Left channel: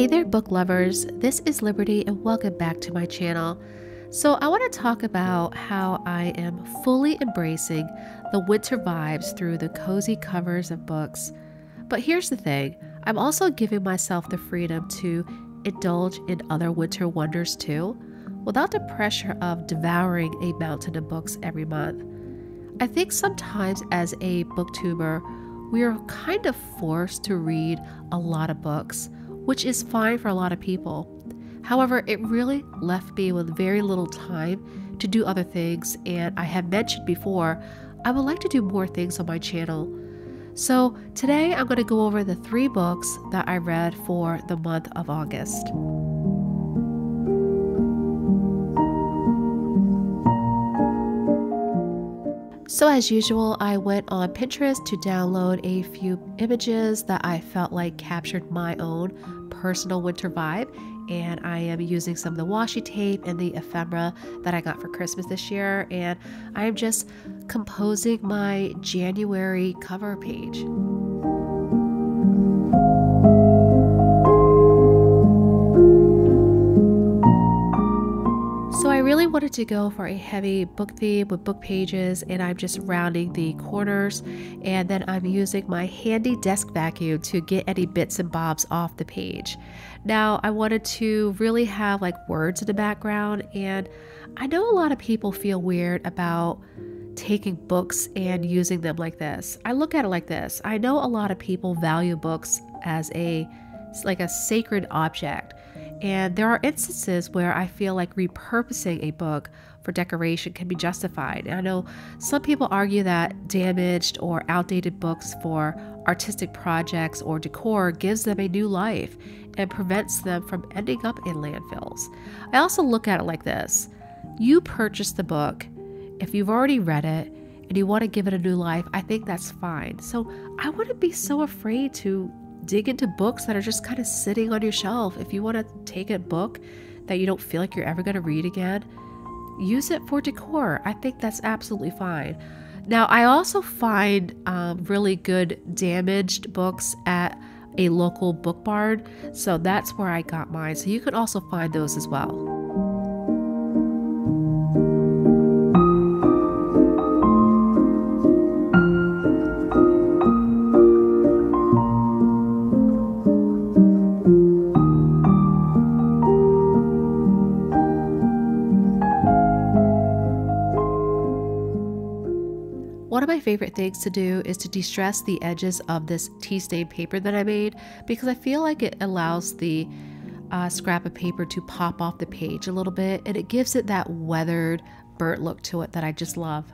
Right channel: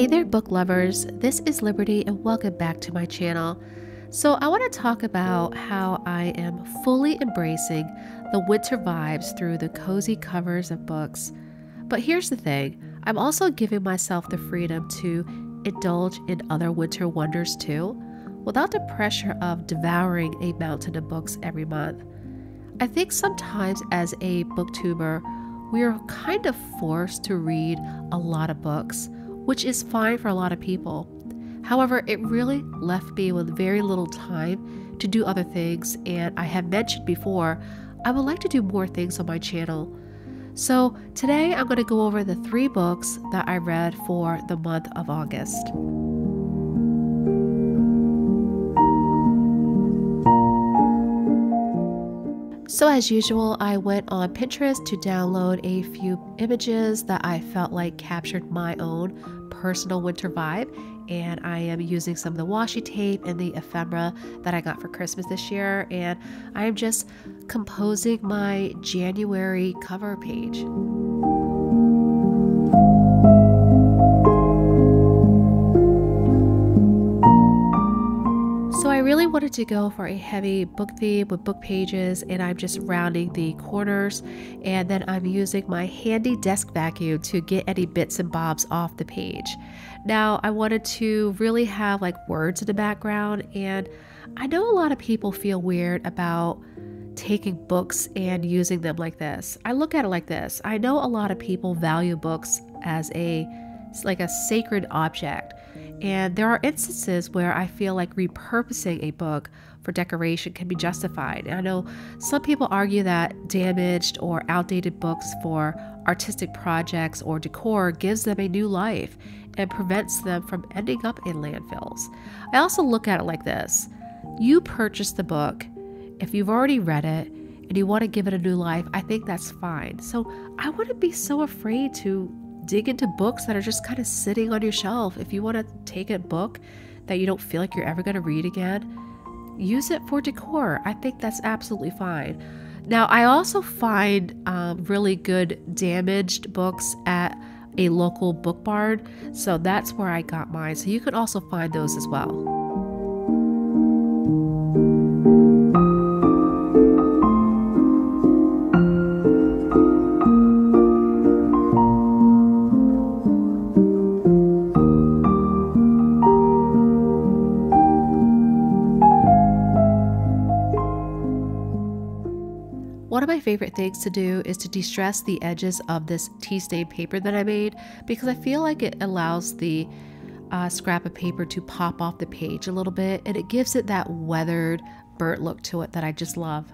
Hey there, book lovers. This is Liberty, and welcome back to my channel. So, I want to talk about how I am fully embracing the winter vibes through the cozy covers of books. But here's the thing, I'm also giving myself the freedom to indulge in other winter wonders too, without the pressure of devouring a mountain of books every month. I think sometimes as a booktuber, we are kind of forced to read a lot of books, which is fine for a lot of people. However, it really left me with very little time to do other things, and I have mentioned before, I would like to do more things on my channel. So today I'm going to go over the 3 books that I read for the month of August. So as usual, I went on Pinterest to download a few images that I felt like captured my own personal winter vibe, and I am using some of the washi tape and the ephemera that I got for Christmas this year, and I am just composing my January cover page. So I really wanted to go for a heavy book theme with book pages, and I'm just rounding the corners, and then I'm using my handy desk vacuum to get any bits and bobs off the page. Now I wanted to really have like words in the background, and I know a lot of people feel weird about taking books and using them like this. I look at it like this. I know a lot of people value books as a sacred object. And there are instances where I feel like repurposing a book for decoration can be justified. And I know some people argue that damaged or outdated books for artistic projects or decor gives them a new life and prevents them from ending up in landfills. I also look at it like this. You purchased the book. If you've already read it and you want to give it a new life, I think that's fine. So I wouldn't be so afraid to dig into books that are just kind of sitting on your shelf. If you want to take a book that you don't feel like you're ever going to read again, use it for decor. I think that's absolutely fine. Now, I also find really good damaged books at a local book barn, so that's where I got mine. So you can also find those as well. One of my favorite things to do is to de-stress the edges of this tea stain paper that I made, because I feel like it allows the scrap of paper to pop off the page a little bit, and it gives it that weathered, burnt look to it that I just love.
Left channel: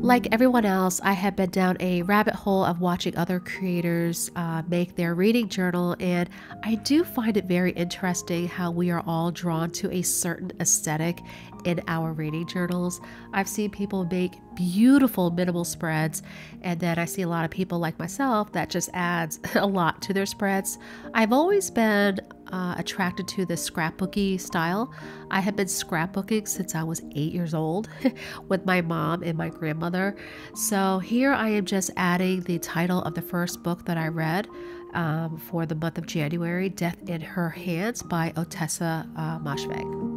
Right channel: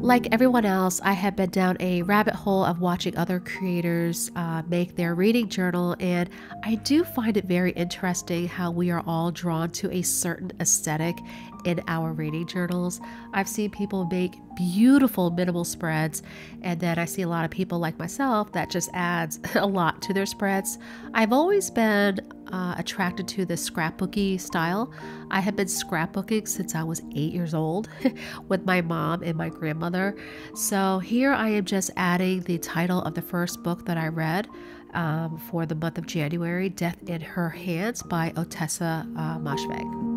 Like everyone else, I have been down a rabbit hole of watching other creators make their reading journal, and I do find it very interesting how we are all drawn to a certain aesthetic in our reading journals. I've seen people make beautiful minimal spreads, and then I see a lot of people like myself that just adds a lot to their spreads. I've always been attracted to the scrapbooky style. I have been scrapbooking since I was 8 years old with my mom and my grandmother. So here I am just adding the title of the first book that I read for the month of January, Death in Her Hands by Ottessa Moshfegh.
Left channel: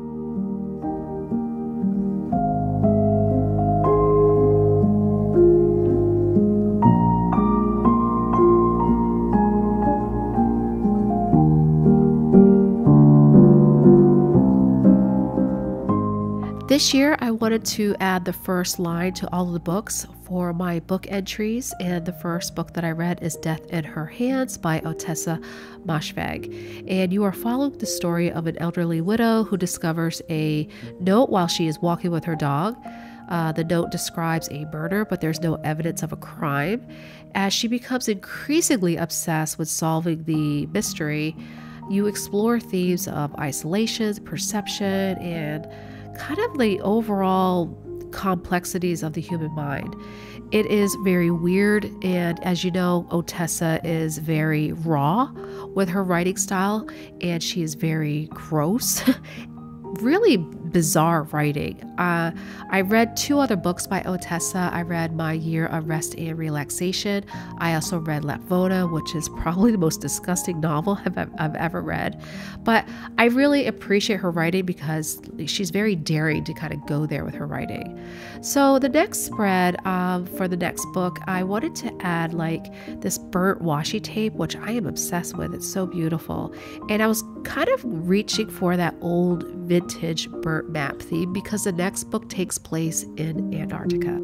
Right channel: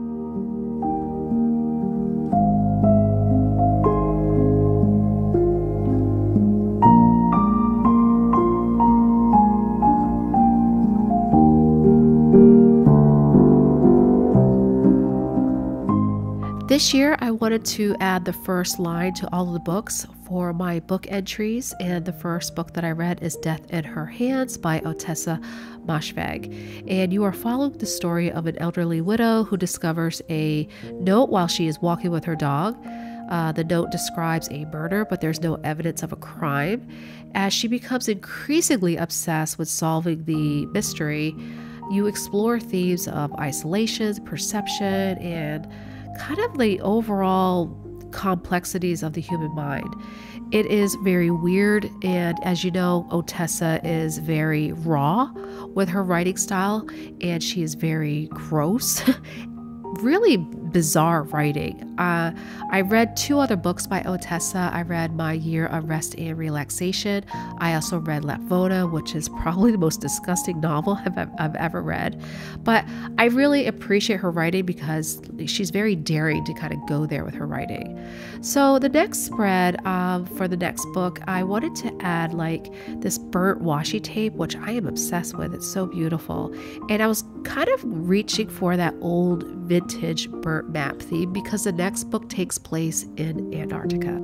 This year, I wanted to add the first line to all of the books for my book entries, and the first book that I read is Death in Her Hands by Ottessa Moshfegh. And you are following the story of an elderly widow who discovers a note while she is walking with her dog. The note describes a murder, but there's no evidence of a crime. As she becomes increasingly obsessed with solving the mystery, you explore themes of isolation, perception, and kind of the overall complexities of the human mind. It is very weird, and as you know, Otessa is very raw with her writing style, and she is very gross. Really bizarre writing. I read 2 other books by Otessa. I read My Year of Rest and Relaxation. I also read Lapvona, which is probably the most disgusting novel I've ever read. But I really appreciate her writing because she's very daring to kind of go there with her writing. So the next spread for the next book, I wanted to add like this burnt washi tape, which I am obsessed with. It's so beautiful. And I was kind of reaching for that old vintage burnt map theme because the next book takes place in Antarctica.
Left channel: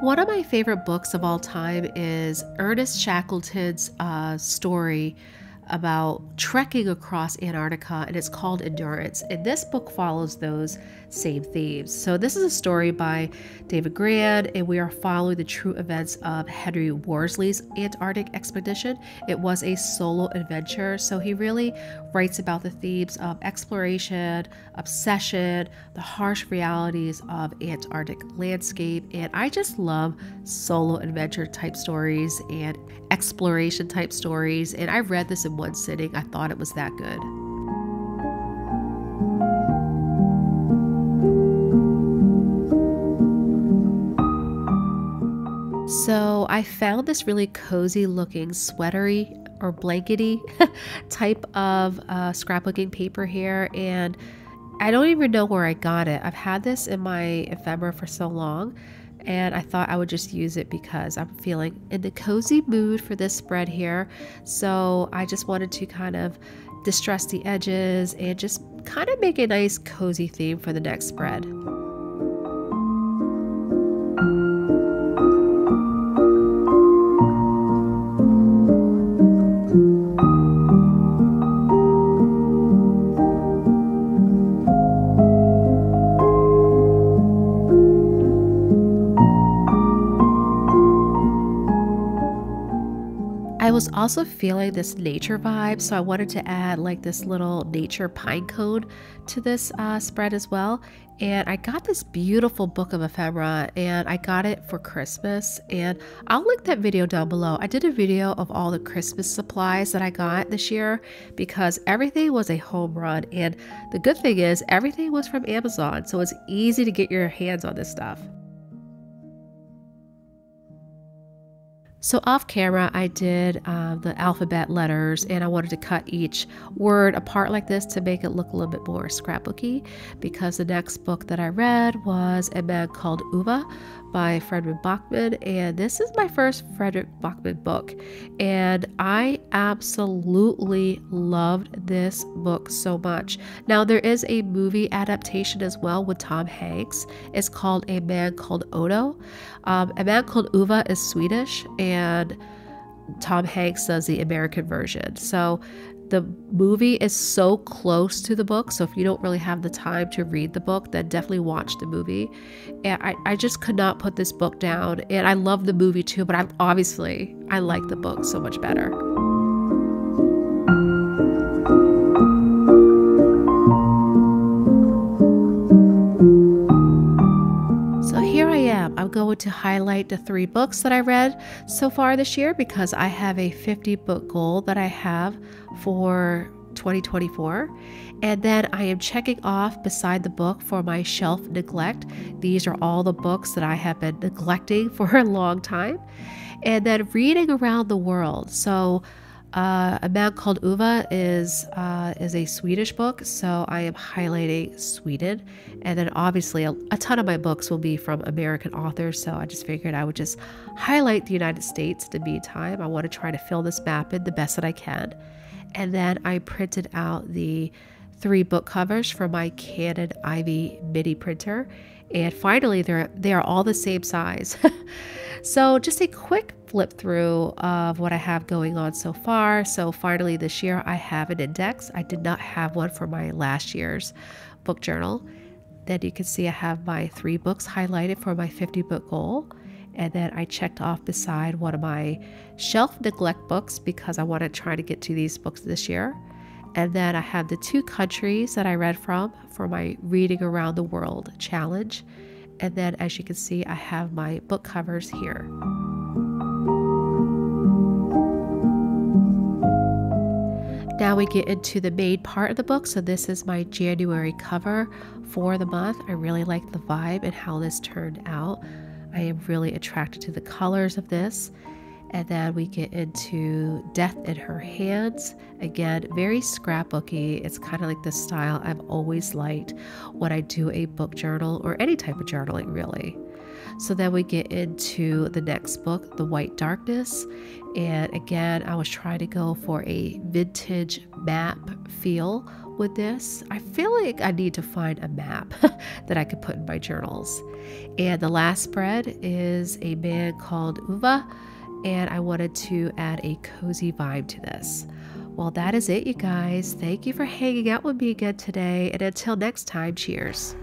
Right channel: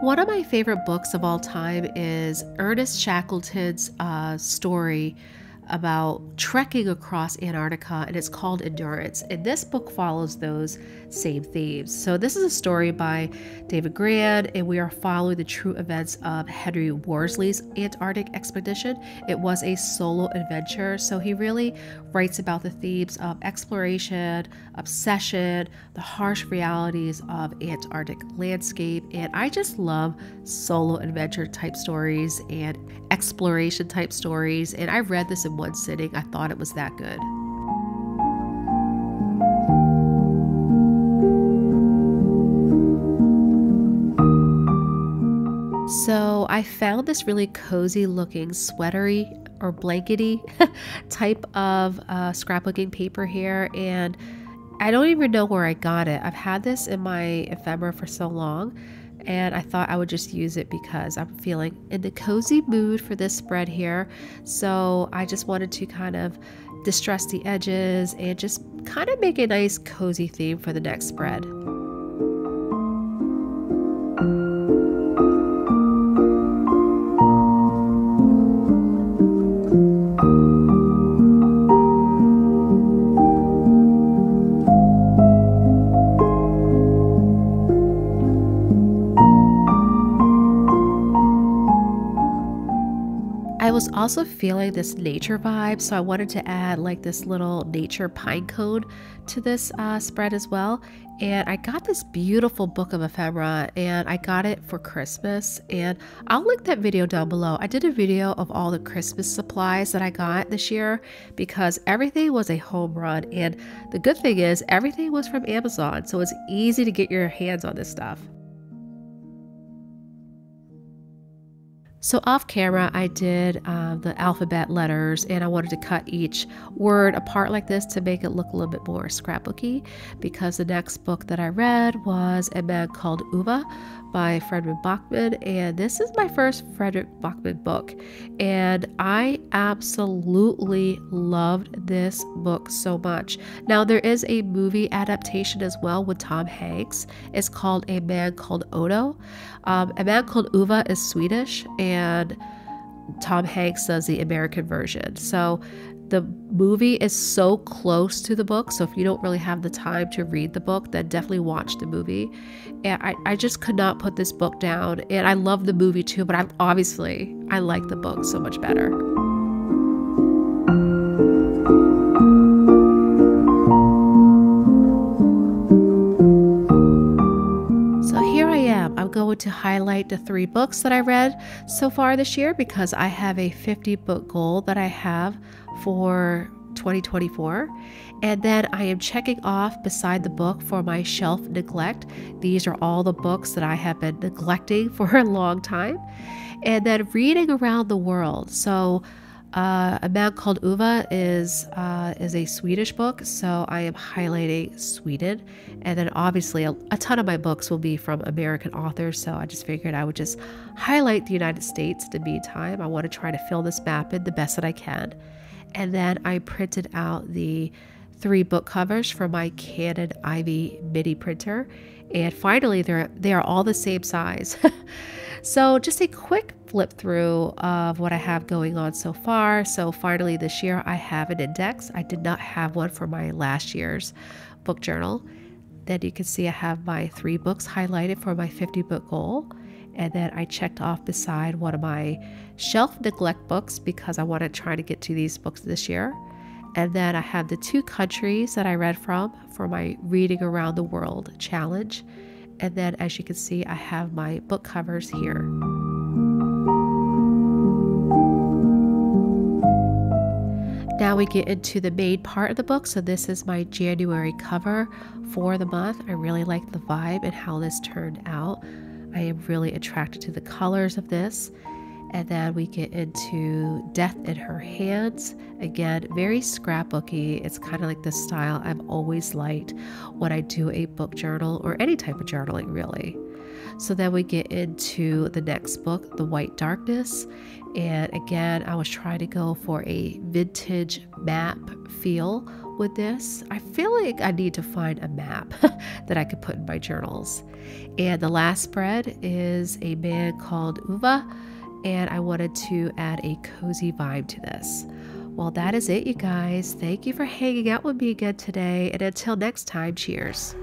One of my favorite books of all time is Ernest Shackleton's story about trekking across Antarctica, and it's called Endurance. And this book follows those same themes. So this is a story by David Grann, and we are following the true events of Henry Worsley's Antarctic expedition. It was a solo adventure, so he really writes about the themes of exploration, obsession, the harsh realities of Antarctic landscape, and I just love solo adventure type stories and exploration type stories, and I read this in one sitting. I thought it was that good. So I found this really cozy looking sweatery or blankety type of scrapbooking paper here, and I don't even know where I got it. I've had this in my ephemera for so long, and I thought I would just use it because I'm feeling in the cozy mood for this spread here. So I just wanted to kind of distress the edges and just kind of make a nice cozy theme for the next spread. I was also feeling this nature vibe, so I wanted to add like this little nature pine cone to this spread as well. And I got this beautiful book of ephemera, and I got it for Christmas, and I'll link that video down below. I did a video of all the Christmas supplies that I got this year because everything was a home run, and the good thing is everything was from Amazon, so it's easy to get your hands on this stuff. So off camera, I did the alphabet letters, and I wanted to cut each word apart like this to make it look a little bit more scrapbooky, because the next book that I read was A Man Called Ove by Fredrik Backman, and this is my first Fredrik Backman book, and I absolutely loved this book so much. Now there is a movie adaptation as well with Tom Hanks. It's called A Man Called Odo. A Man Called Ove is Swedish, and Tom Hanks does the American version. So the movie is so close to the book, so if you don't really have the time to read the book, then definitely watch the movie. And I just could not put this book down, and I love the movie too, but I like the book so much better. So here I am. I'm going to highlight the 3 books that I read so far this year because I have a 50 book goal that I have for 2024. And then I am checking off beside the book for my shelf neglect. These are all the books that I have been neglecting for a long time. And then reading around the world. So A Man Called Uva is a Swedish book, so I am highlighting Sweden. And then obviously a ton of my books will be from American authors, so I just figured I would just highlight the United States in the meantime. I want to try to fill this map in the best that I can. And then I printed out the 3 book covers for my Canon Ivy mini printer. And finally, they are all the same size. So just a quick flip through of what I have going on so far. So finally this year I have an index. I did not have one for my last year's book journal. Then you can see I have my 3 books highlighted for my 50 book goal. And then I checked off beside one of my shelf neglect books because I want to try to get to these books this year. And then I have the 2 countries that I read from for my Reading Around the World challenge. And then as you can see, I have my book covers here. Now we get into the main part of the book. So this is my January cover for the month. I really like the vibe and how this turned out. I am really attracted to the colors of this. And then we get into Death in Her Hands. Again, very scrapbooky. It's kind of like the style I've always liked when I do a book journal or any type of journaling, really. So then we get into the next book, The White Darkness. And again, I was trying to go for a vintage map feel with this. I feel like I need to find a map that I could put in my journals. And the last spread is A Man Called Uva. And I wanted to add a cozy vibe to this. Well, that is it, you guys. Thank you for hanging out with me again today. And until next time, cheers.